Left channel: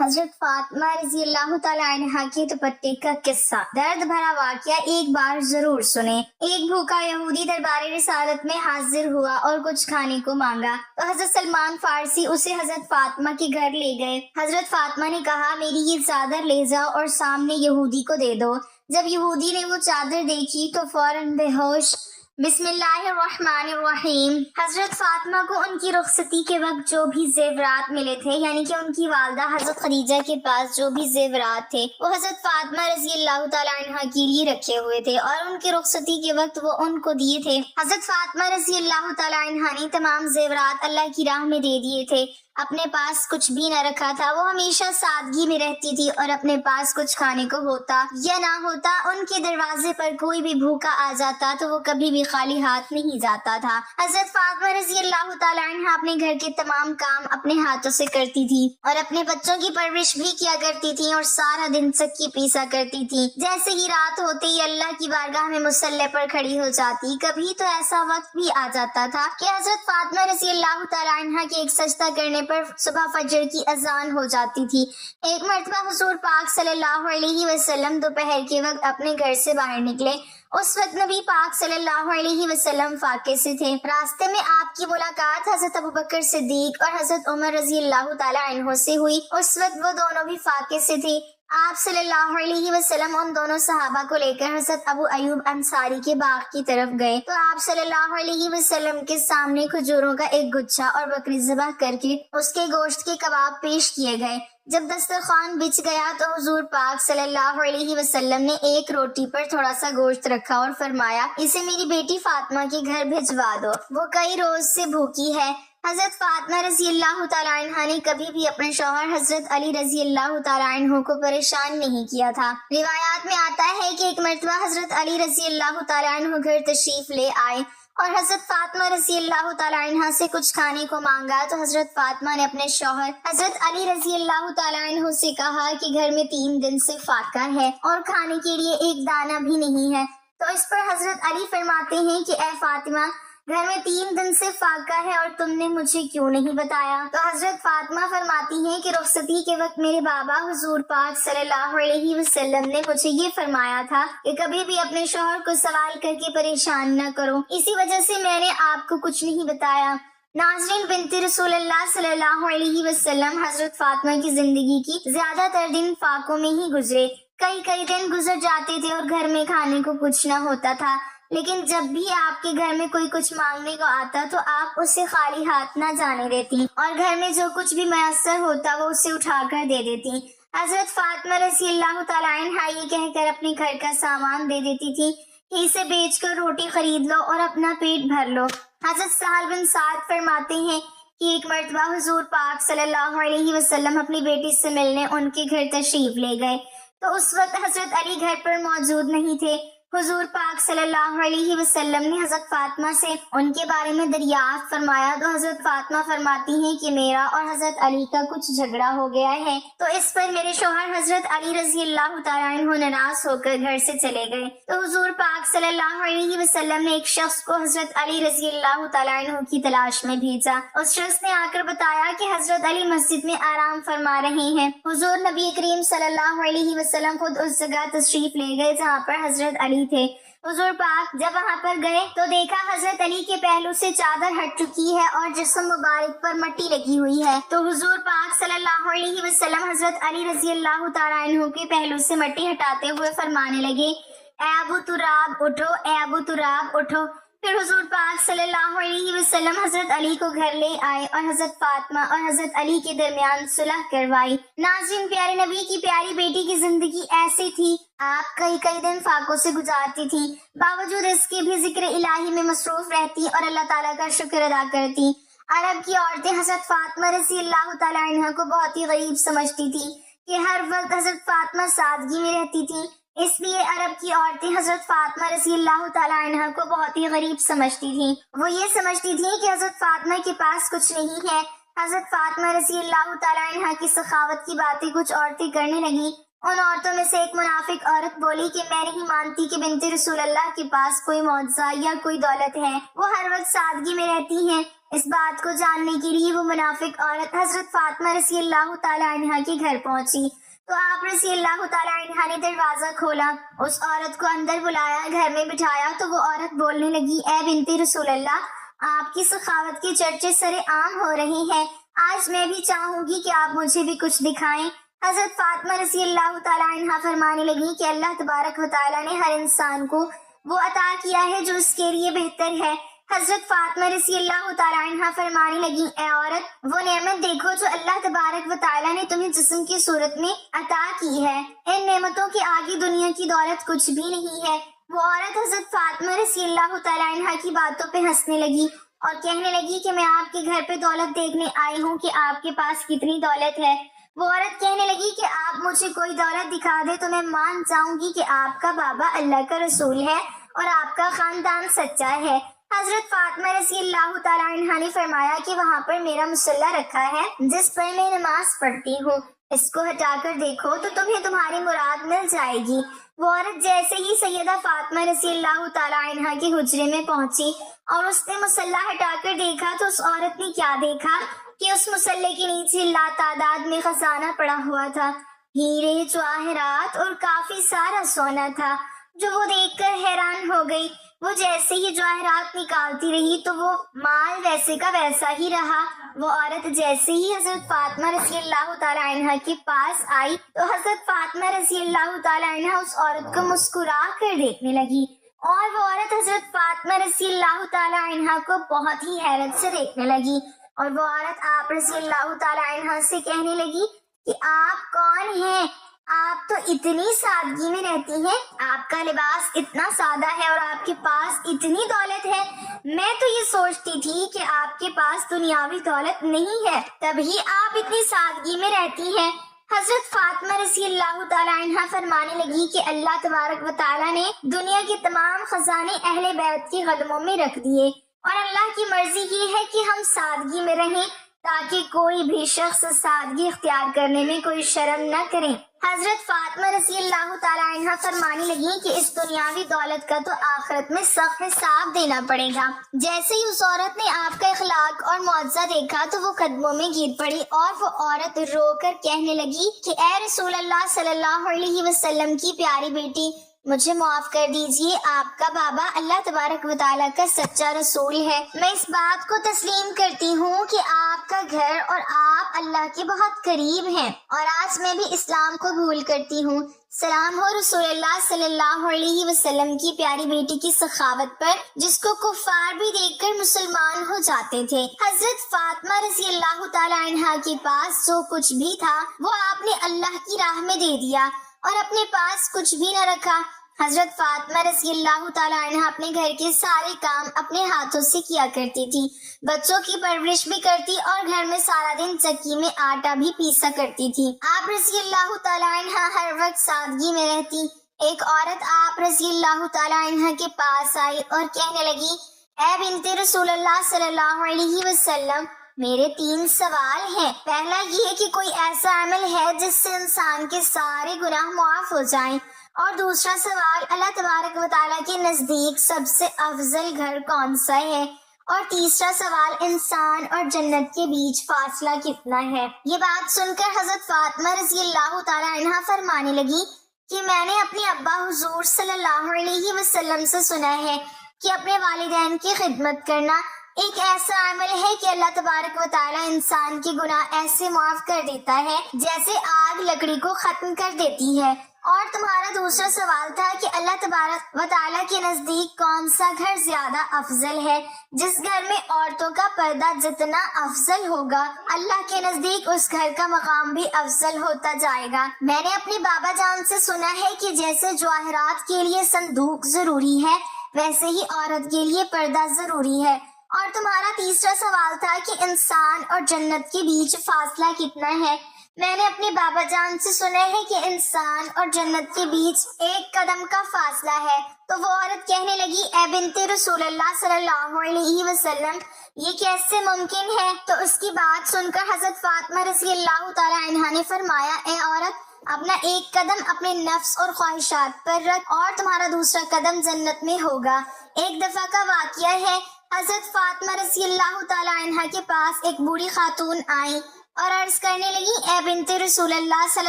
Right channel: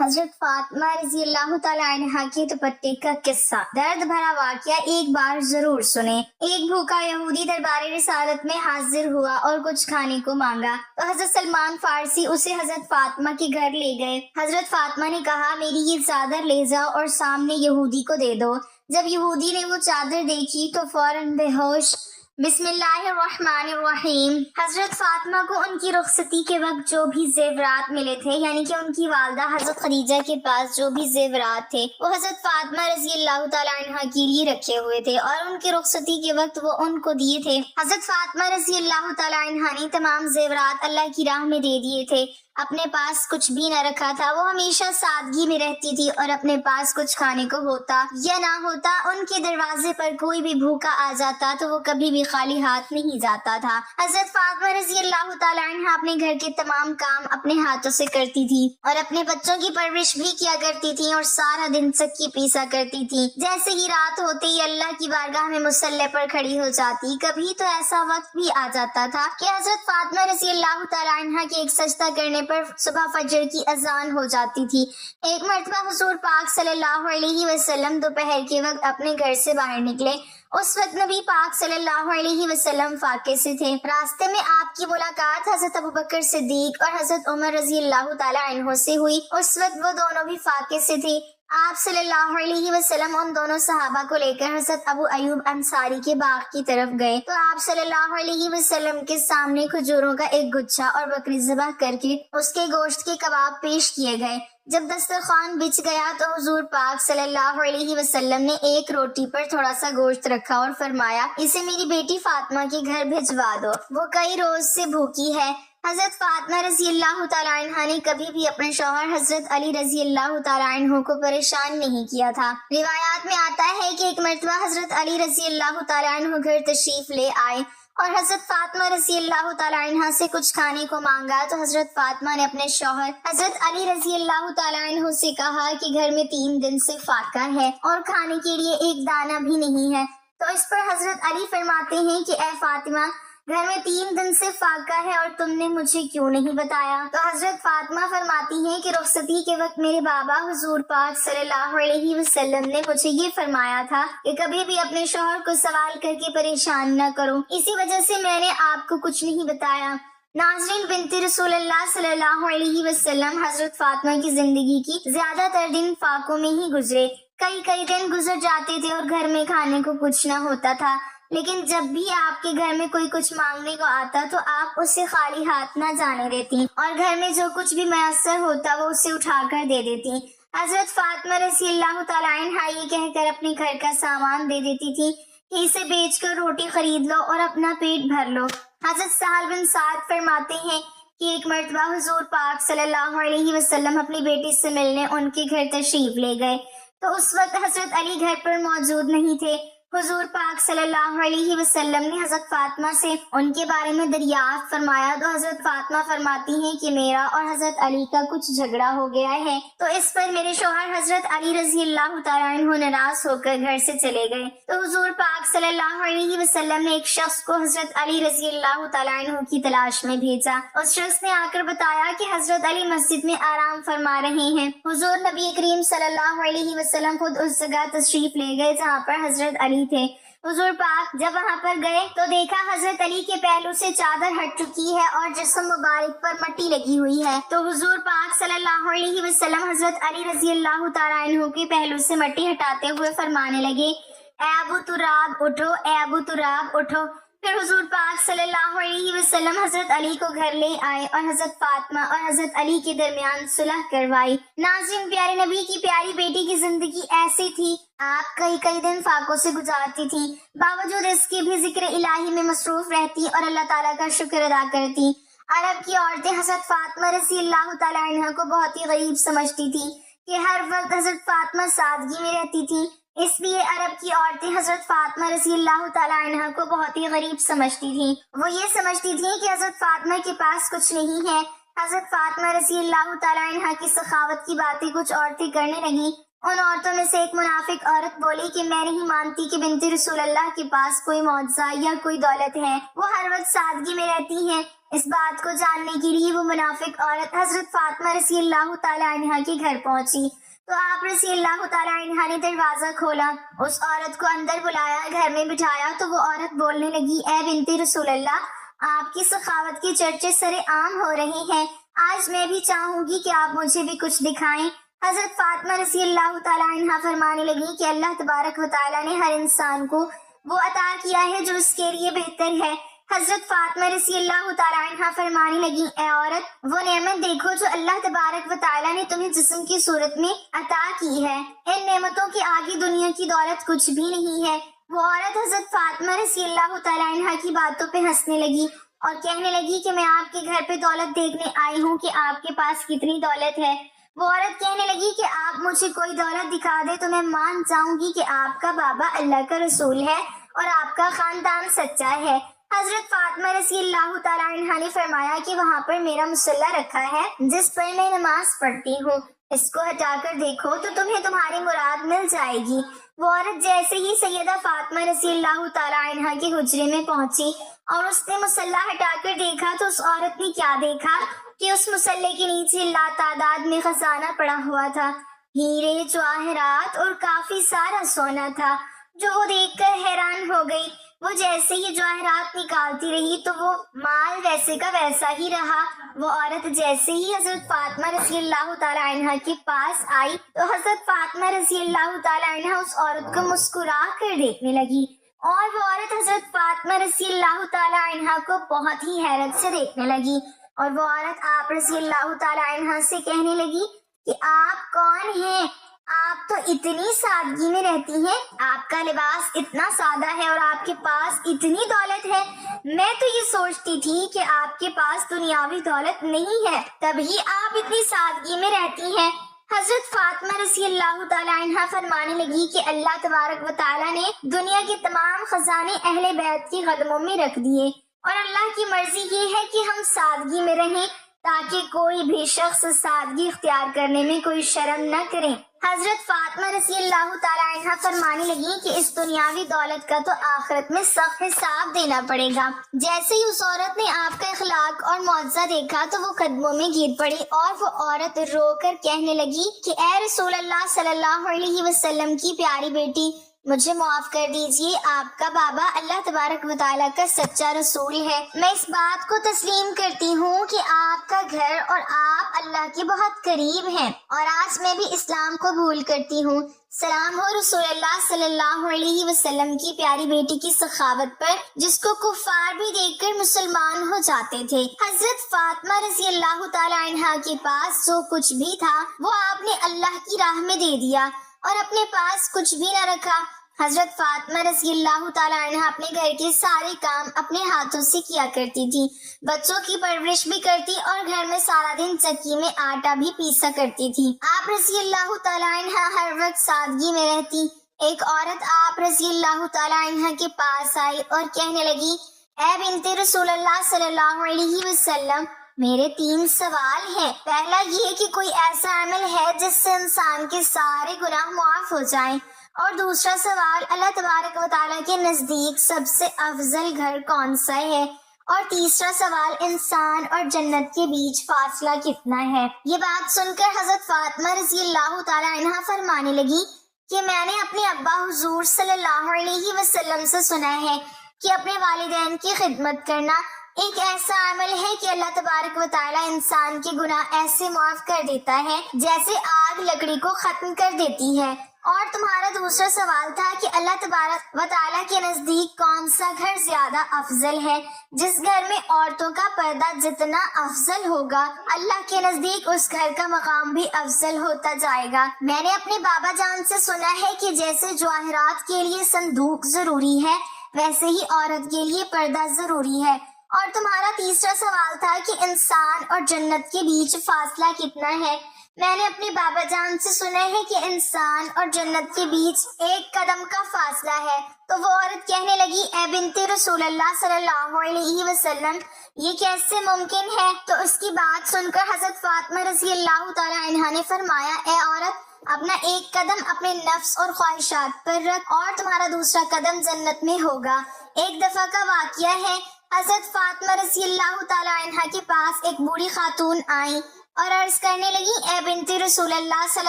حضرت فاطمہ رضی اللہ تعالی عنہا کے دوپٹے کا قصہ۔ درد بھرا واقعہ ایک بار ضرور سنیں۔ ایک بھوکا یہودی دربار رسالت میں حاضر ہوا اور کچھ کھانے کو مانگا تو حضرت سلمان فارسی اسے حضرت فاطمہ کے گھر لے گئے۔ حضرت فاطمہ نے کہا میری یہ چادر لے جاؤ اور سامنے یہودی کو دے دو۔ جب یہودی نے وہ چادر دیکھی تو فوراً بے ہوش۔ بسم اللہ الرحمن الرحیم۔ حضرت فاطمہ کو ان کی رخصتی کے وقت جو بھی زیورات ملے تھے، یعنی کہ ان کی والدہ حضرت خدیجہ کے پاس جو بھی زیورات تھے وہ حضرت فاطمہ رضی اللہ تعالی عنہا کے لیے رکھے ہوئے تھے اور ان کی رخصتی کے وقت وہ ان کو دیے تھے۔ حضرت فاطمہ رضی اللہ تعالی عنہا نے تمام زیورات اللہ کی راہ میں دے دیے تھے، اپنے پاس کچھ بھی نہ رکھا تھا۔ وہ ہمیشہ سادگی میں رہتی تھی اور اپنے پاس کچھ کھانے کو ہوتا یا نہ ہوتا ان کے دروازے پر کوئی بھی بھوکا آ جاتا تو وہ کبھی بھی خالی ہاتھ نہیں جاتا تھا۔ حضرت فاطمہ رضی اللہ تعالی عنہا اپنے گھر کے تمام کام اپنے ہاتھوں سے کرتی تھی اور اپنے بچوں کی پرورش بھی کیا کرتی تھی اور سارا دن چکی پیسا کرتی تھی۔ جیسے ہی رات ہوتے ہی اللہ کی بارگاہ میں مصلی پر کھڑی ہو جاتی۔ کبھی تو ایسا وقت بھی آ جاتا تھا کہ حضرت فاطمہ رضی اللہ تعالی عنہا کے ایک سجدہ کرنے پر صبح فجر کی اذان ہو جاتی تھی۔ ایک مرتبہ حضور پاک صلی اللہ علیہ وسلم دوپہر کے وقت اپنے گھر سے باہر نکلے۔ اس وقت نبی پاک صلی اللہ علیہ وسلم فاقے سے تھے۔ راستے میں آپ کی ملاقات حضرت ابوبکر صدیق اور حضرت عمر رضی اللہ تعالی عنہ سے ہوئی۔ اس وقت وہ دونوں بھی فاقے سے تھے۔ آپ صلی اللہ علیہ وسلم ان دونوں صحابہ کو لے کر حضرت ابو ایوب انصاری کے باغ کی طرف گئے تو آپ صلی اللہ علیہ وسلم کے سامنے کھجوروں کا ایک گچھا اور بکری ذبح کر کے اس کے گوشت کے کباب پیش کیے گئے۔ جب دسترخوان بچھ گیا تو حضور پاک صلی اللہ علیہ وسلم نے ایک روٹی پر تھوڑا سا گوشت رکھا اور فرمایا اسے میری بیٹی فاطمہ کے گھر بھجوا دو، وہ کئی روز سے بھوکی ہے۔ حضرت فاطمہ رضی اللہ تعالی عنہا نے کبھی بھی اپنے شوہر حضرت علی رضی اللہ تعالی عنہ کو پریشان نہیں کیا تھا۔ روایات میں آتا ہے کہ ایک مرتبہ حضرت علی رضی اللہ تعالی عنہ گھر تشریف لے آئے اور حضرت فاطمہ رضی اللہ تعالی عنہا سے کچھ کھانے کو مانگا تو حضرت فاطمہ نے اپنے شوہر حضرت علی رضی اللہ تعالی عنہ سے کہا کہ گھر میں 3 دن سے فاقہ ہے اور کھانے کے لیے ایک دانہ بھی نہیں ہے۔ تو اس پر حضرت علی فرماتے ہیں کہ اے فاطمہ، گھر میں 3 دن سے فاقہ ہے اور تم نے مجھے کیوں نہیں بتایا؟ تو حضرت فاطمہ فرماتی ہیں کہ رخصتی کے وقت میرے بابا حضور پاک صلی اللہ علیہ وسلم نے مجھے یہ فرمایا تھا کہ کبھی بھی اپنے شوہر کو سوال کر کے پریشان نہ کرو، اسی وجہ سے میں نے آپ کو کچھ نہیں بتایا۔ ناظرین، بنت رسول اللہ صلی اللہ علیہ وسلم حضرت فاطمہ کی زندگی کی زیادہ تر دن فاقوں میں ہی گزرے۔ کئی دن گزر جاتے تھے اور گھر میں کھانے کو کچھ نہ ہوتا تھا، لیکن جب بھی آپ کے گھر میں کوئی کچھ مانگنے کو آتا تو آپ اسے خالی ہاتھ نہ جانے دیتی اور گھر میں جو کچھ بھی میسر ہوتا وہ اسے اٹھا کر دے دیتی۔ حضرت فاطمہ رضی اللہ تعالی عنہا یہ کہہ کر اپنے گھر کا سامان دے دیتی تھی کہ اسے بیچ کر روٹی خرید لو اور اپنا پیٹ بھر لو۔ حضرت سہل بن سعد فرماتے ہیں کہ ایک مرتبہ حضور پاک صلی اللہ علیہ وسلم اپنی بیٹی سے ملنے ان کے گھر تشریف لے گئے تو اس وقت حضرت علی گھر پر موجود نہیں تھے۔ حضور پاک صلی اللہ علیہ وسلم نے حضرت فاطمہ سے ان کے بارے میں دریافت فرمایا تو حضرت فاطمہ فرماتی ہیں کہ میرا اور حضرت علی کا کچھ جھگڑا ہو گیا ہے، تو اس پر میرے شوہر حضرت علی رضی اللہ تعالی عنہ ناراض ہو کر گھر سے چلے گئے۔ تو حضور پاک صلی اللہ علیہ وسلم نے ایک شخص کو حضرت علی رضی اللہ تعالی عنہ کی تلاش میں بھیجا۔ اس شخص نے آ کر بتایا کہ حضرت علی مسجد میں آرام فرما رہے ہیں۔ حضور نبی کریم صلی اللہ علیہ وسلم خود اس جگہ تشریف لے گئے جہاں پر حضرت علی تھے۔ حضور پاک جب وہاں پر گئے تو دیکھا حضرت علی کے پہلو سے چادر ہٹ چکی ہے اور جسم مبارک پر مٹی لگی ہوئی ہے۔ تو حضور پاک صلی اللہ علیہ وسلم حضرت علی رضی اللہ تعالی عنہ کے پہلو سے مٹی ہٹاتے ہوئے فرمانے لگے اے ابو تراب اٹھو، اے ابو تراب اٹھو۔ پھر حضور پاک صلی اللہ علیہ وسلم حضرت علی کو گھر لے آئے اور حضرت فاطمہ اور حضرت علی کے درمیان صلح کروائی۔ ناظرین، پیارے نبی کی پیاری بیٹی کی زندگی ایسی تھی، آپ کئی دن فاقوں سے گزارتی تھی، باوجود اس کے بھی ذکر الہی میں مصروف رہتی اور اللہ تعالیٰ کا شکر ادا کرتی۔ عرب کی عورتیں حضرت فاطمہ رضی اللہ تعالی عنہ کو بہت ہی غریب سمجھتی تھی کہ ہر وقت حضرت فاطمہ سادگی میں رہتی تھی، اس لیے عرب کی عورتیں حضرت فاطمہ رضی اللہ تعالی عنہ کو بہت ہی غریب سمجھتی تھیں۔ وہ یہ سمجھتی تھیں کہ حضرت فاطمہ کے پاس کچھ نہیں ہے۔ حضرت فاطمہ رضی اللہ تعالی عنہ کی سخاوت کی باتیں کچھ عورتیں کرنے لگیں۔ ان عورتوں میں سے ایک منافق عورت بولی کہ میں نہیں مانتی کہ بنت رسول اللہ کے پاس کوئی معجزہ یا کوئی دولت ہے، وہ ہر وقت سادگی میں رہتی ہیں۔ اس بات کو جاننے کے لیے وہ منافق عورت حضرت فاطمہ رضی اللہ تعالیٰ عنہ کے گھر پہنچی تو آپ رضی اللہ تعالیٰ عنہ نے دروازہ کھولا، اس عورت کو اندر بلایا، گھر میں بٹھایا تو وہ عورت بولنے لگی، اے بنت رسول اللہ، آپ کی سخاوت کے چرچے سرے عام ہو رہے ہیں، آج میں بھی چاہوں گی کہ آپ مجھے بھی کچھ دکھائیں۔ حضرت فاطمہ رضی اللہ تعالیٰ عنہ فرمانے لگی کہ اللہ تبارک و تعالیٰ نے ہر انسان کو وہ عطا کیا ہے جو اس کے لیے بہتر ہے۔ حضرت فاطمہ رضی اللہ تعالیٰ عنہ فرمانے لگی، اے عورت، وہ نعمت دیکھو جو اللہ تبارک و تعالیٰ نے تمہیں جسم کی صورت میں عطا کی ہے، ان نعمتوں کے آگے دنیا کی دولت کچھ بھی نہیں ہے۔ وہ عورت حضرت فاطمہ رضی اللہ تعالیٰ عنہ کی باتوں پہ ہنسنے لگی اور کہنے لگی کہ میں آپ کے گھر پہ دولت دیکھنے آئی ہوں کہ آپ کے پاس کتنی دولت ہے۔ وہ عورت کہنے لگی کہ آپ مجھے کوئی دولت دکھا دے تو میں مان جاؤں گی کہ آپ کا بابا اللہ کا رسول ہے اور آپ کا خاندان سچا ہے۔ حضرت فاطمہ رضی اللہ تعالیٰ عنہ نے فرمایا کہ وہاں پر میرا مصلی رکھا ہے جس پر میں نماز پڑھتی ہوں، اس کو ہٹا کر دیکھو تو تمہیں تمہاری مراد مل جائے گی۔ وہ عورت جیسے ہی سیدہ فاطمہ رضی اللہ تعالیٰ عنہ کے حجرے میں پہنچی اور اس نے مصلی ہٹا کر دیکھا تو اس عورت نے کیا دیکھا کہ اس مصلی کے نیچے لاتعداد میں خزانہ پڑا ہوا تھا، ہیرے، جواہرات اور کافی سارا سونا تھا، جو وہ دیکھ کر حیران ہو گئی۔ وہ جیسے ہی جواہرات نکالتی رہی تو وہ مال ویسے کا ویسا ہی رہا۔ وہ عورت جیسے ہی حضرت فاطمہ رضی اللہ تعالیٰ عنہ کے پاس آئی تو حضرت فاطمہ رضی اللہ تعالیٰ عنہ اس عورت کو مسکرا کر دیکھنے لگی اور وہ عورت حضرت فاطمہ رضی اللہ تعالیٰ عنہ کو بہت ہی حیرت سے دیکھنے لگی اور وہ عورت آپ رضی اللہ تعالیٰ عنہ سے کہنے لگی کہ آپ کون ہیں؟ آپ تو اتنی سادگی میں رہتی ہیں، آپ کا لباس اتنا سادہ ہے اور آپ کے پاس اتنی دولت ہے، میں تو یہ سوچتی تھی کہ آپ کے پاس دنیاوی دولت نہیں ہے تبھی آپ اتنی سادگی میں رہتی ہیں۔ حضرت فاطمہ رضی اللہ تعالیٰ عنہ فرمانے لگی کہ اللہ تبارک و تعالیٰ نے دنیا کے تمام خزانے اہل بیت کے قدموں میں رکھ دیے اور اللہ کی مرضی یہ ہے کہ ہم سادگی میں رہیں تاکہ کوئی بھی شخص سادگی اختیار کرنے میں کوئی شرم نہ کرے۔ حضرت فاطمہ رضی اللہ تعالیٰ عنہ فرمانے لگی کہ اس دنیاوی دولت کا تو آخرت میں سخت حساب دینا پڑے گا۔ جیسے ہی اس عورت نے آپ کا اخلاق اور معجزہ دیکھا تو وہ قدموں میں گر پڑی اور وہ عورت رو کر کہنے لگی کہ اے رسول اللہ صلی اللہ علیہ وسلم کی پیاری بیٹی، مجھے معاف کر دیجئے، آپ کا بابا اللہ تبارک و تعالیٰ کا سچا رسول ہے۔ میں اس بات کو تسلیم کرتی ہوں کہ آپ کا گھر اور آپ اللہ کے بہت قریب ہیں اور آج میں بھی اسلام کو قبول کرتی ہوں۔ سلام ہو رسول اللہ صلی اللہ علیہ وسلم کی پیاری بیٹی کی سخاوت پر جس کو کفار بھی دیکھ کر مسلمان ہو جاتے تھے۔ حضرت فاطمہ رضی اللہ تعالیٰ عنہ کے پاس جو کچھ بھی تھا وہ آپ نے اللہ کی راہ میں دے دیا اور اپنے پاس کچھ بھی نہ رکھا۔ حضرت فاطمہ رضی اللہ تعالیٰ عنہ اپنے گھر کے سارے کام اپنے ہاتھوں سے کیا کرتی تھی، بچوں کی پرورش بھی کرتی اور گھر میں سارا دن چکی میں آٹا بھی پیسا کرتی تھی۔ آپ رضی اللہ تعالیٰ عنہ ہر وقت سادگی میں رہتی۔ ایک عورت آپ رضی اللہ تعالیٰ عنہ کے پاس آئی اور کہنے لگی، اے بنت رسول اللہ صلی اللہ علیہ وسلم، میرے 3 سوال ہیں۔ پہلا یہ کہ کوئی ایسا عمل ہے جس سے انسان کے سارے گناہ معاف ہو جائیں، اور دوسرا سوال اللہ تبارک و تعالیٰ کے نزدیک سب سے افضل گھر کون سا ہے، اور تیسرا سوال انسان اور جنت کے بیچ فاصلہ کتنا ہے۔ یہ بات سن کر حضرت فاطمہ رضی اللہ تعالیٰ عنہ فرمانے لگی کہ میں نے اپنے ابا حضور صلی اللہ علیہ وسلم سے سنا ہے کہ اپنے والدین کی خدمت کرنا ایک ایسا عمل ہے کہ اللہ تبارک و تعالیٰ انسان کے گناہ ایسے معاف کر دیتا ہے جیسے آگ لکڑی کو ختم کر دیتی ہے۔ اور تمہارا دوسرا سوال تھا کہ اللہ تبارک و تعالیٰ کے نزدیک کون سا گھر زیادہ افضل ہے، جس گھر میں عورتوں کا پردہ جتنا افضل ہوگا اللہ کے نزدیک اس گھر کا مقام بھی افضل ہوتا جائے گا۔ میں نے اپنے بابا جان سے سنا ہے کہ جیسے جواہرات کے لیے صندوق ضروری ہے ویسے ہی عورت کے لیے پردہ ضروری ہے۔ اور تمہارا تیسرا سوال تھا کہ انسان اور جنت کے بیچ فاصلہ کتنا ہے۔ میں نے اپنے بابا جان سے سنا ہے کہ انسان اور جنت کے بیچ 1 قدم کا فاصلہ ہے۔ تو وہ عورت کہنے لگی، اے بنت رسول اللہ صلی اللہ علیہ وسلم، یہ کیسے ممکن ہے؟ تو اس کی بات سن کر حضرت فاطمہ رضی اللہ تعالیٰ عنہ نے فرمایا، اے عورت، اپنا 1 قدم اپنے نفس اور خواہشات پر رکھ اور تمہارا دوسرا قدم جنت میں ہوگا۔ ایک دفعہ کا واقعہ ہے، حضرت فاطمہ رضی اللہ تعالی عنہا کے پاس ایک بوڑھی خاتون آئی اور عرض کرنے لگی، اے بنت رسول اللہ صلی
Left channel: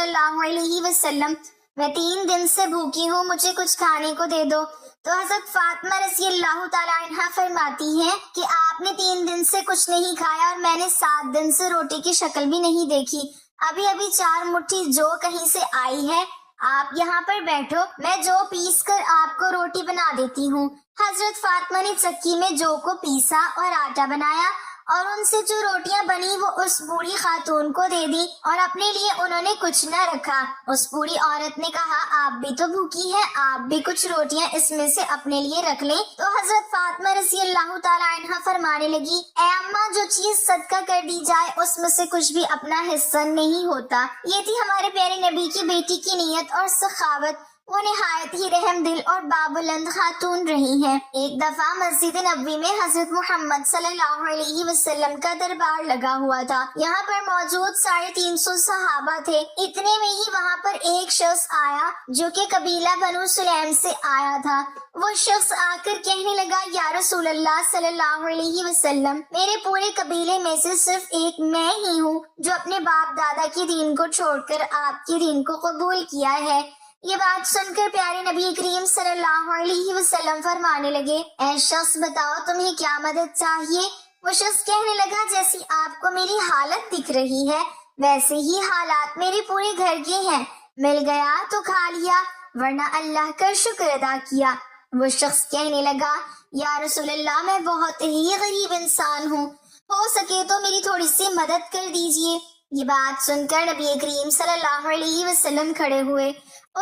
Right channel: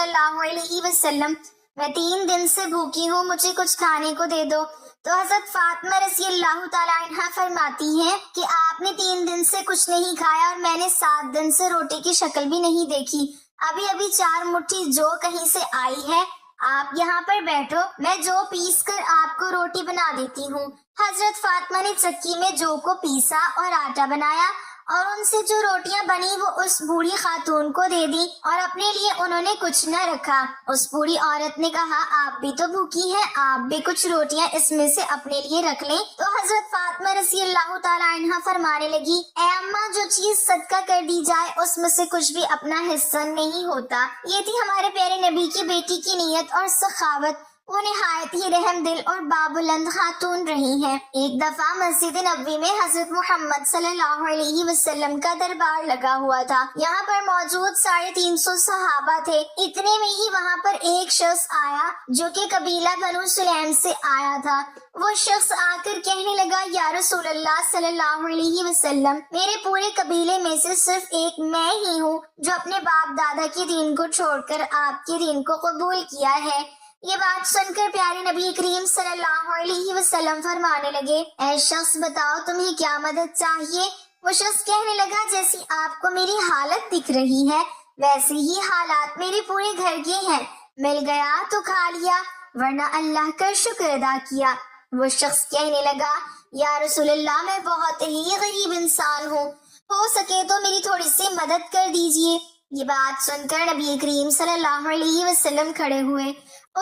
اللہ علیہ وسلم، میں 3 دن سے بھوکی ہوں، مجھے کچھ کھانے کو دے دو۔ تو حضرت فاطمہ رضی اللہ تعالی عنہا فرماتی ہیں کہ آپ نے 3 دن سے کچھ نہیں کھایا اور میں نے 7 دن سے روٹی کی شکل بھی نہیں دیکھی، ابھی 4 مٹھی جو کہیں سے آئی ہے، آپ یہاں پر بیٹھو، میں جو پیس کر آپ کو روٹی بنا دیتی ہوں۔ حضرت فاطمہ نے چکی میں جو کو پیسا اور آٹا بنایا اور ان سے جو روٹیاں بنی وہ اس بوڑھی خاتون کو دے دی اور اپنے لیے انہوں نے کچھ نہ رکھا۔ اس بوڑھی عورت نے کہا، آپ بھی تو بھوکی ہے، آپ بھی کچھ روٹیاں اس میں سے اپنے لیے رکھ لیں۔ تو حضرت فاطمہ رضی اللہ تعالی عنہا فرمانے لگی، اے اماں، جو چیز صدقہ کر دی جائے اس میں سے کچھ بھی اپنا حصہ نہیں ہوتا۔ یہ تھی ہمارے پیارے نبی کی بیٹی کی نیت اور سخاوت، وہ نہایت ہی رحم دل اور بابلند خاتون رہی ہے۔ ایک دفعہ مسجد نبوی میں حضرت محمد صلی اللہ علیہ وسلم کا دربار لگا ہوا تھا، یہاں پر موجود 350 صحابہ تھے۔ اتنے میں ہی وہاں پر ایک شخص آیا جو کہ قبیلہ بنو سلیم سے آیا تھا۔ وہ شخص آ کر کہنے لگا، یا رسول اللہ صلی اللہ علیہ وسلم، میرے پورے قبیلے میں سے صرف ایک میں ہی ہوں جو اپنے باپ دادا کے دین کو چھوڑ کر آپ کے دین کو قبول کیا ہے۔ یہ بات سن کر پیارے نبی کریم صلی اللہ علیہ وسلم فرمانے لگے، اے شخص، بتاؤ تمہیں کیا مدد چاہیے؟ وہ شخص کہنے لگا، جیسی آپ کو میری حالت دکھ رہی ہے ویسے ہی حالات میرے پورے گھر کے ہیں، مل گیا تو کھا لیا ورنہ اللہ کا شکر ادا کیا۔ وہ شخص کہنے لگا، یا رسول اللہ، میں بہت ہی غریب انسان ہوں، ہو سکے تو میری تھوڑی سی مدد کر دیجیے۔ یہ بات سن کر نبی کریم صلی اللہ علیہ وسلم کھڑے ہوئے۔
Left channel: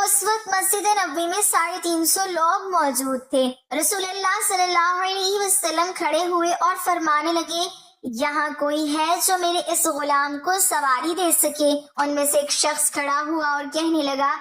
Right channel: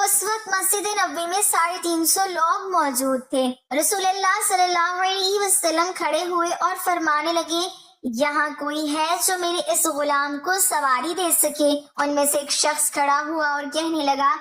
اس وقت مسجد نبوی میں 350 لوگ موجود تھے۔ رسول اللہ صلی اللہ علیہ وسلم کھڑے ہوئے اور فرمانے لگے، یہاں کوئی ہے جو میرے اس غلام کو سواری دے سکے؟ ان میں سے ایک شخص کھڑا ہوا اور کہنے لگا،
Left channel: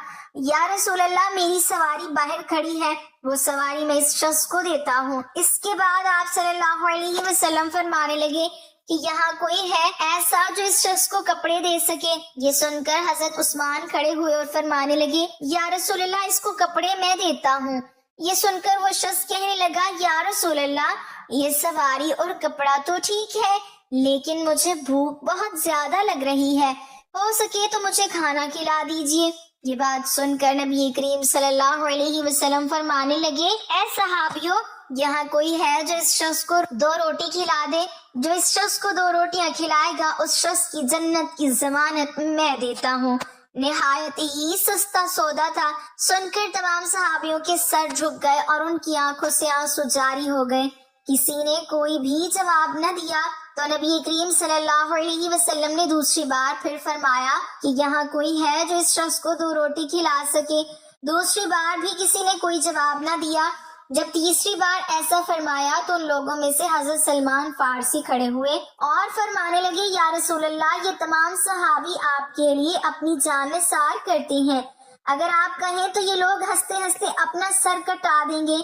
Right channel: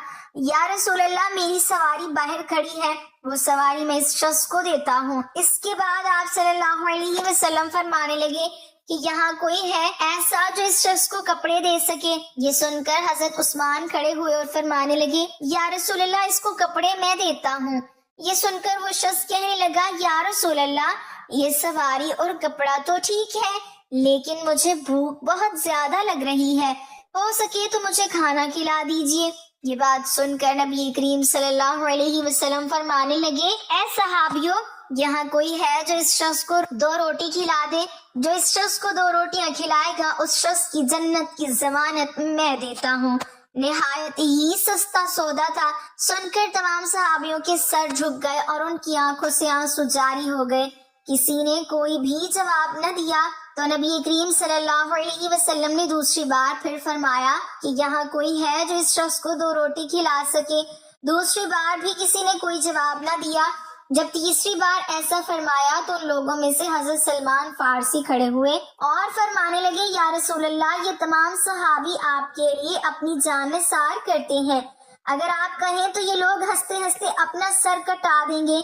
یا رسول اللہ، میری سواری باہر کھڑی ہے، وہ سواری میں اس شخص کو دیتا ہوں۔ اس کے بعد آپ صلی اللہ علیہ وسلم فرمانے لگے کہ یہاں کوئی ہے ایسا جو اس شخص کو کپڑے دے سکے؟ یہ سن کر حضرت عثمان کھڑے ہوئے اور فرمانے لگے، یا رسول اللہ، اس کو کپڑے میں دیتا ہوں۔ یہ سن کر وہ شخص کہنے لگا، یا رسول اللہ، یہ سواری اور کپڑا تو ٹھیک ہے لیکن مجھے بھوک بہت زیادہ لگ رہی ہے، ہو سکے تو مجھے کھانا کھلا دیجیے۔ یہ بات سن کر نبی کریم صلی اللہ علیہ وسلم فرمانے لگے، اے صحابیوں، یہاں کوئی ہے جو اس شخص کو 2 روٹی کھلا دے؟ جو اس شخص کو 2 روٹیاں کھلائے گا اس شخص کی جنت کی ضمانت میں دیتا ہوں۔ نہایت ہی سستا سودا تھا۔ سن کر تمام صحابیوں کے سر جھک گئے اور ان کی آنکھوں سے آنسو جاری ہو گئے۔ کسی نے کوئی بھی جواب نہ دیا تو نبی کریم صلی اللہ علیہ وسلم نے دوسری بار پھر فرمایا کہ یہاں کوئی ہے جو اس شخص کو 2 روٹی کھلا سکے؟ دوسری بار بھی کسی نے کوئی جواب نہ دیا۔ جب تیسری بار ایسا فرمایا تو ان لوگوں میں سے حضرت سلمان فارسی کھڑے ہوئے اور فرمانے لگے، یا رسول اللہ، یہ تمام صحابی آپ کے لیے اپنی جان نثار کرتے ہیں، اگر آپ کہیں تو یہ لوگ ہنستے ہنستے اپنا سر کٹا دیں گے،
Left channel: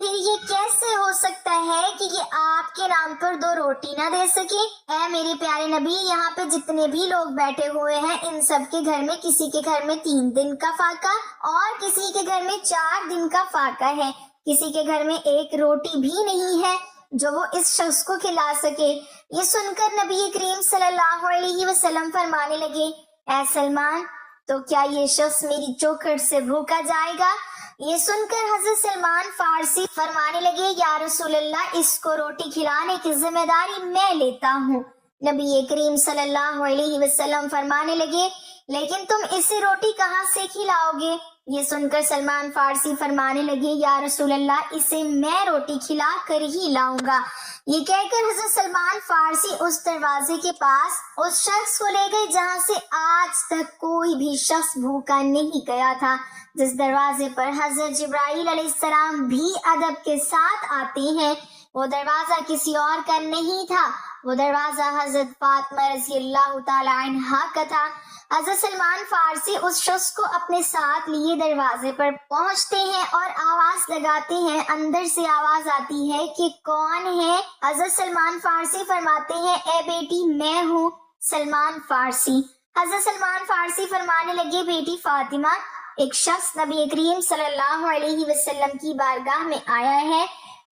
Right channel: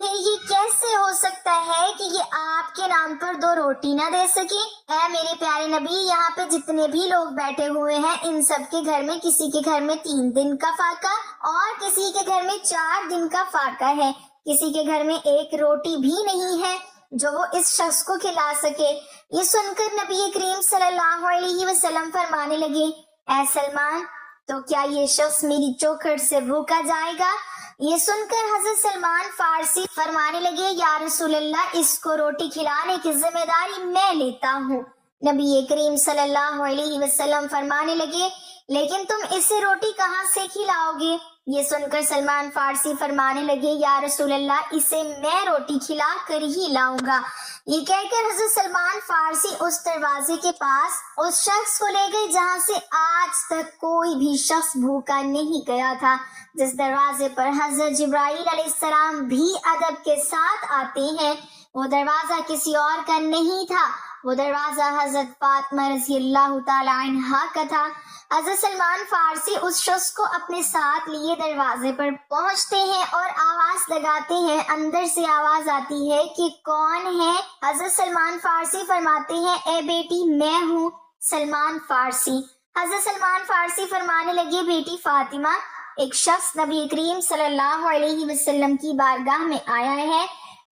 پھر یہ کیسے ہو سکتا ہے کہ یہ آپ کے نام پر 2 روٹی نہ دے سکے؟ اے میرے پیارے نبی، یہاں پہ جتنے بھی لوگ بیٹھے ہوئے ہیں ان سب کے گھر میں کسی کے گھر میں 3 دن کا فاقہ اور کسی کے گھر میں 4 دن کا فاقہ ہے، کسی کے گھر میں 1 روٹی بھی نہیں ہے جو وہ اس شخص کو کھلا سکے۔ یہ سن کر نبی کریم صلی اللہ علیہ وسلم فرمانے لگے، اے سلمان، تو کیا یہ شخص میری چوکھٹ سے بھوکا جائے گا؟ یہ سن کر حضرت سلمان فارسی فرمانے لگے، یا رسول اللہ، اس کو روٹی کھلانے کی ذمہ داری میں لیتا ہوں۔ نبی کریم صلی اللہ علیہ وسلم فرمانے لگے، لیکن تم اسے روٹی کہاں سے کھلاؤ گے؟ یہ سن کر سلمان فارسی فرمانے لگے، یا رسول اللہ، اسے میں روٹی کھلا کر ہی لاؤں گا۔ یہ کہہ کر حضرت سلمان فارسی اس دروازے کے پاس اس شخص کو لے گئے جہاں سے آج تک کوئی بھی شخص بھوکا نہیں گیا تھا، جس دروازے پر حضرت جبرائیل علیہ السلام بھی ادب کے ساتھ آتے ہیں۔ وہ دروازہ کسی اور کا نہیں تھا، وہ دروازہ حضرت فاطمہ رضی اللہ تعالی عنہا کا تھا۔ حضرت سلمان فارسی اس شخص کو اپنے ساتھ لیے دروازے پر پہنچتے ہیں اور آواز لگاتے ہیں۔ اندر سے آواز آتی ہے کہ کون ہے؟ حضرت سلمان فارسی فرماتے ہیں، اے بیٹی، میں ہوں سلمان فارسی۔ حضرت سلمان فارسی فرمانے لگے، بیٹی فاطمہ، ایک شخص نبی کریم صلی اللہ علیہ وسلم کی بارگاہ میں آیا ہے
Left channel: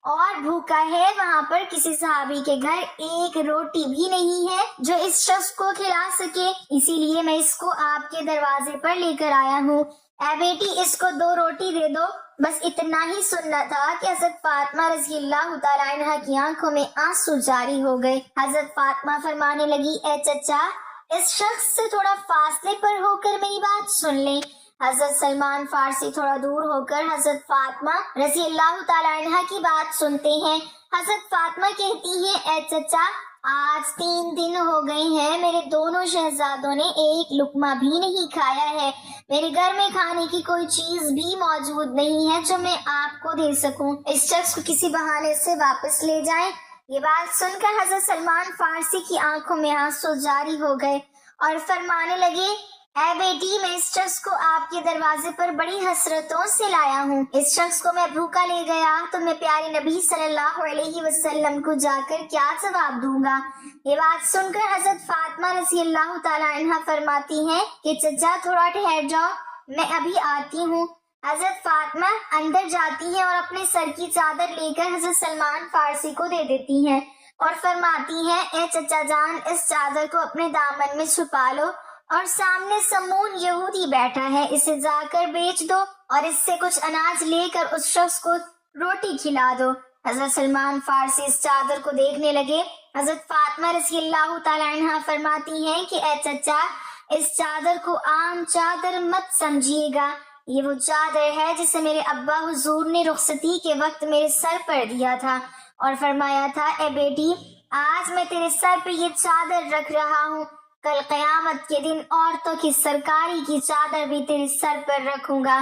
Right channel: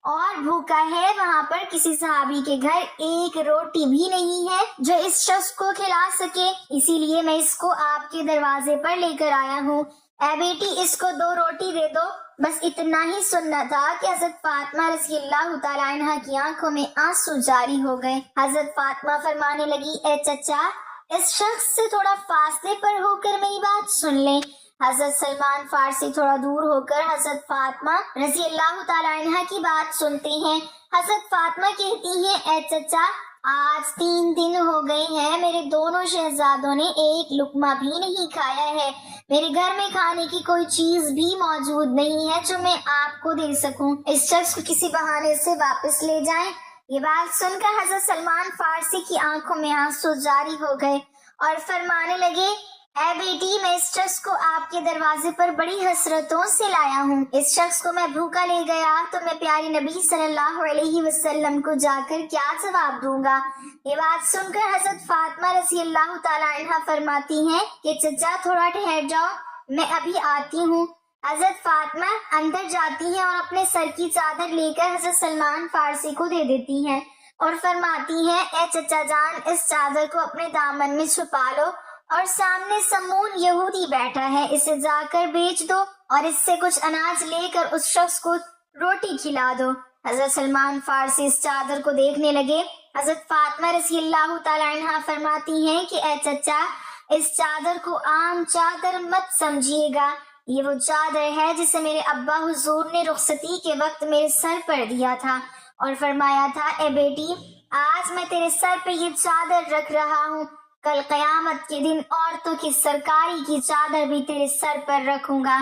اور بھوکا ہے، وہاں پر کسی صحابی کے گھر ایک روٹی بھی نہیں ہے جو اس شخص کو کھلا سکے، اسی لیے میں اس کو آپ کے دروازے پر لے کر آیا ہوں۔ اے بیٹی، اس کو 2 روٹی دے دو۔ بس اتنا ہی سننا تھا کہ حضرت فاطمہ رضی اللہ تعالیٰ عنہ کی آنکھوں میں آنسو جاری ہو گئے۔ حضرت فاطمہ فرمانے لگی، اے چچا، اس شخص سے تھوڑا فاصلے پر ہو کر میری بات سن لیں۔ حضرت سلمان فارسی تھوڑا دور ہو کر حضرت فاطمہ رضی اللہ تعالیٰ عنہ کی بات سنتے ہیں۔ حضرت فاطمہ کہتی ہیں، اے چچا، آج 3 دن ہو گئے ہیں، میرے دونوں شہزادوں نے ایک لقمہ بھی نہیں کھایا ہے۔ میرے گھر میں کھانے کی کوئی چیز بھی موجود نہیں ہے جو میں آپ کو دے سکوں۔ اس شخص کو کسی بہانے سے واپس لے جائیں۔ یہ بات سن کر حضرت سلمان فارسی کی آنکھوں میں آنسو جاری ہو گئے اور فرمانے لگے، اے بیٹی، میں اس شخص کو آپ کے دروازے پر بڑی حسرتوں سے لایا ہوں۔ اس شخص کو میں بھوکا لے گیا تو میں پیارے نبی صلی اللہ علیہ وسلم کو جا کر کیا جواب دوں گا؟ یہ بات سن کر حضرت فاطمہ رضی اللہ تعالیٰ عنہ فرماتی ہیں کہ چچا تھوڑا ٹھہر جاؤ، میں ابھی آتی ہوں۔ حضرت فاطمہ اندر جاتی ہیں اور اپنے سر کی چادر لے کر حضرت سلمان فارسی کو دے دیتی ہیں اور فرماتی ہیں، اے چچا جان، اس چادر کو اپنے دامن میں چھپا لو اور سامنے سمون یہودی بیٹھا ہے، اسے جا کر بیچ دو اور اس سے کچھ اناج لے کر اس شخص کو روٹی کھلا دو۔ حضرت سلمان فارسی اس چادر کو دیکھنے لگے۔ حضرت فاطمہ رضی اللہ تعالیٰ عنہ فرماتی ہیں کہ اے چچا، اس چادر کو عام چادر مت سمجھیے گا، یہ وہ چادر ہے جسے میرے ابا حضور نے رخصتی کے وقت میرے سر پر دیا تھا اور فرمایا تھا، اے بیٹی، آج میں تیرے سر پہ یہ چادر رکھ رہا ہوں، کل قیامت کے دن عورتوں کی سرکاری کی چادر بھی تیرے سر پر رکھوں گا۔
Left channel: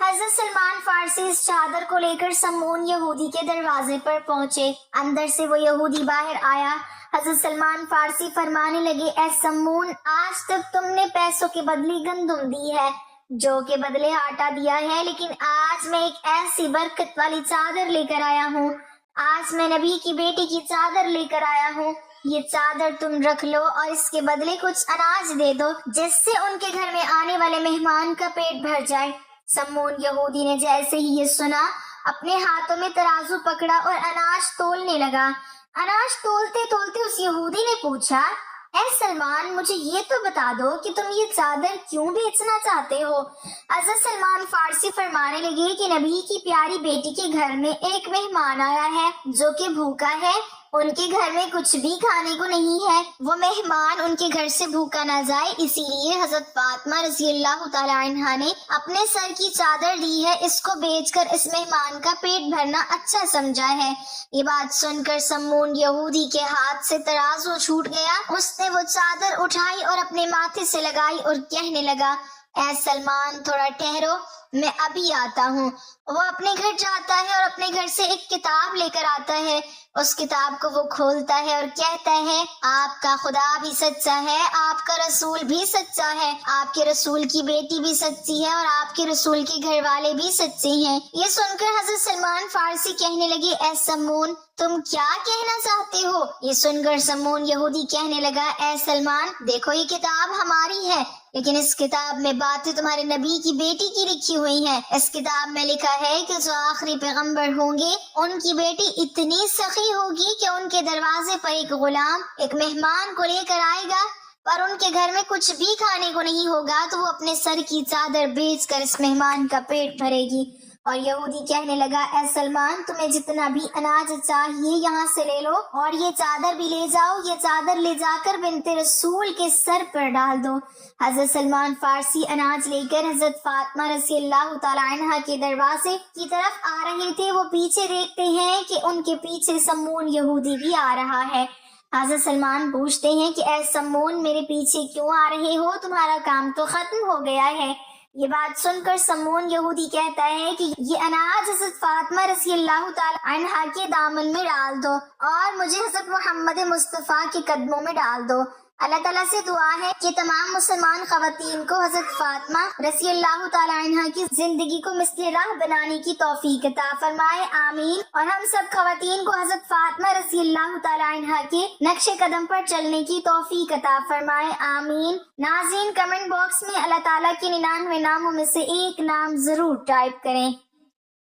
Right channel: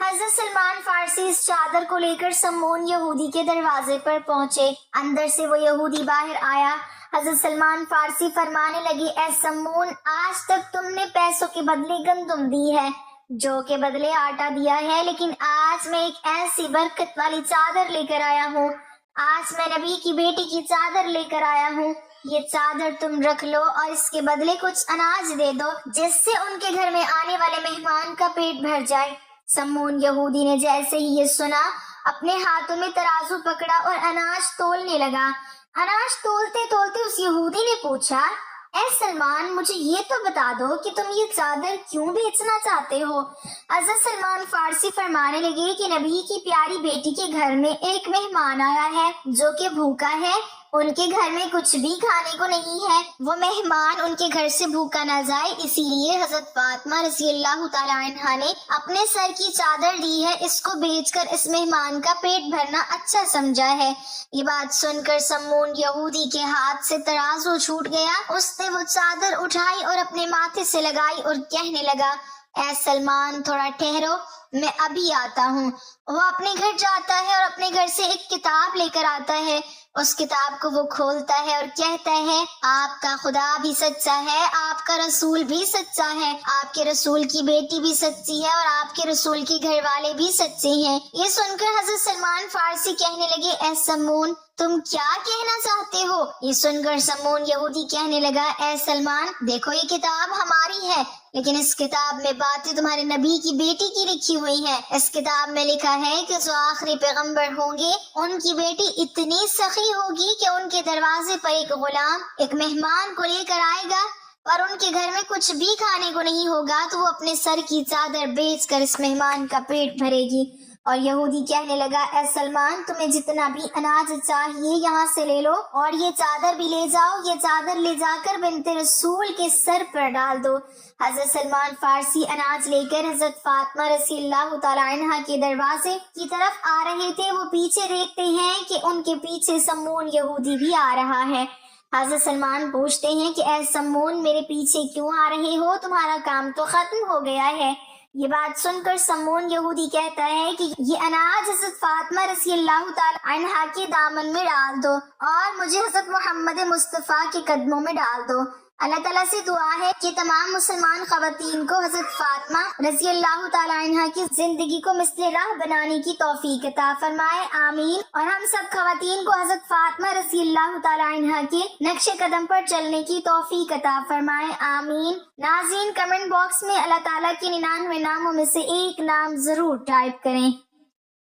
حضرت سلمان فارسی اس چادر کو لے کر سمون یہودی کے دروازے پر پہنچے۔ اندر سے وہ یہودی باہر آیا۔ حضرت سلمان فارسی فرمانے لگے، اے سمون، آج تک تم نے پیسوں کے بدلے گندم دی ہے، جو کے بدلے آٹا دیا ہے، لیکن آج میں ایک ایسی برکت والی چادر لے کر آیا ہوں۔ آج میں نبی کی بیٹی کی چادر لے کر آیا ہوں، یہ چادر تم رکھ لو اور اس کے بدلے کچھ اناج دے دو جس سے ان کے گھر میں آنے والے مہمان کا پیٹ بھر جائے۔ سمون یہودی نے جیسے ہی یہ سنا، اپنے ہاتھوں میں ترازو پکڑا اور اناج تولنے لگا۔ اناج تولتے تولتے اس یہودی نے پوچھا، اے سلمان، مجھے یہ تو بتا دو کہ تم یہ چادر کیوں بیچنا چاہتے ہو؟ حضرت سلمان فارسی فرمانے لگے کہ نبی کی پیاری بیٹی کے گھر میں ایک مہمان آیا ہے جو کہ بھوکا ہے، ان کے گھر میں کچھ بھی کھانے کو نہیں ہے، وہ مہمان ان کے گھر سے بھوکا نہ جائے، اسی لیے حضرت فاطمہ رضی اللہ تعالیٰ عنہ نے اپنے سر کی چادر دی ہے، اس کو بیچ کر اس مہمان کا پیٹ بھرنا اچھا سمجھا ہے۔ یہ بات سن کر سمون یہودی کے ہاتھ سے ترازو چھوٹ گیا، اس نے وہ چادر اٹھائی اور اپنے ماتھے سے لگائی اور کہنے لگا، اے سلمان، تھوڑا ٹھہرو، میں ابھی آتا ہوں۔ وہ اپنے گھر جاتا ہے اور اپنے گھر سے ایک کتاب لے کر آتا ہے، اس کتاب کو وہ کھولتا ہے اور کہتا ہے، آپ کا خدا بھی سچا ہے، آپ کا رسول بھی سچا ہے، آپ کے رسول کی بیٹی بھی سچی ہے اور آپ کے رسول کے گھر والے بھی سچے ہیں۔ یہ سن کر حضرت سلمان فارسی کہنے لگے، اے سمون، تم کیا کہنا چاہتے ہو؟ یہ سن کر سمون یہودی کہنے لگا، اے سلمان، دیکھو یہ کتاب ہماری ہے، لیکن اس کتاب میں باتیں تمہارے نبی کی بیٹی کی لکھی ہوئی ہیں۔ اس کتاب میں لکھا ہے کہ جو آخری پیغمبر ہوں گے ان کی بیٹی اتنی سخی ہوگی کہ ان کے دروازے پر ایک غلام ایک مہمان کو لے کر آئے گا اور ان کے گھر میں کچھ بھی کھانے کو نہیں ہوگا تو وہ اپنے سر کی چادر بیچ کر اس مہمان کا پیٹ بھرے گی۔ اور یہودی کہنے لگا، اے سلمان، تمہیں جتنا بھی اناج چاہیے یہاں سے لے لو اور یہ چادر بھی لے جاؤ، یہ چادر لے جا کر بنت رسول کے سر پر ڈال دو۔ حضرت سلمان فارسی اناج لے کر حضرت فاطمہ رضی اللہ تعالیٰ عنہ کے دروازے کی طرف آ رہے تھے۔ وہ پیچھے دیکھتے ہیں کہ ان کے پیچھے سمون یہودی بھی آ رہا ہے۔ حضرت سلمان پوچھتے ہیں کہ اے سمون، میرے پیچھے کیوں آ رہے ہو؟ تمہارا کام تو ختم ہو گیا ہے۔ یہ بات سن کر سمون یہودی کہتا ہے کہ یہ اناج حضرت فاطمہ رضی اللہ تعالی عنہا کے دامن میں ڈال دو اور مجھے حضرت محمد مصطفیٰ کے قدموں میں ڈال دو۔ اللہ تعالیٰ سے دعا ہے کہ تمام مسلمان خواتین کو حضرت فاطمہ رضی اللہ تعالی عنہا کی زندگی کو مثل راہ بنانے کی توفیق عطا فرمائے، آمین۔ اور ہم سب خواتین کو حضرت فاطمہ رضی اللہ تعالی عنہا کے نقش قدم پر چلنے کی توفیق عطا فرمائے، آمین۔ ناظرین، کمنٹ باکس میں اللہ تعالیٰ کے 99 ناموں میں سے ایک نام ضرور ٹائپ کریں۔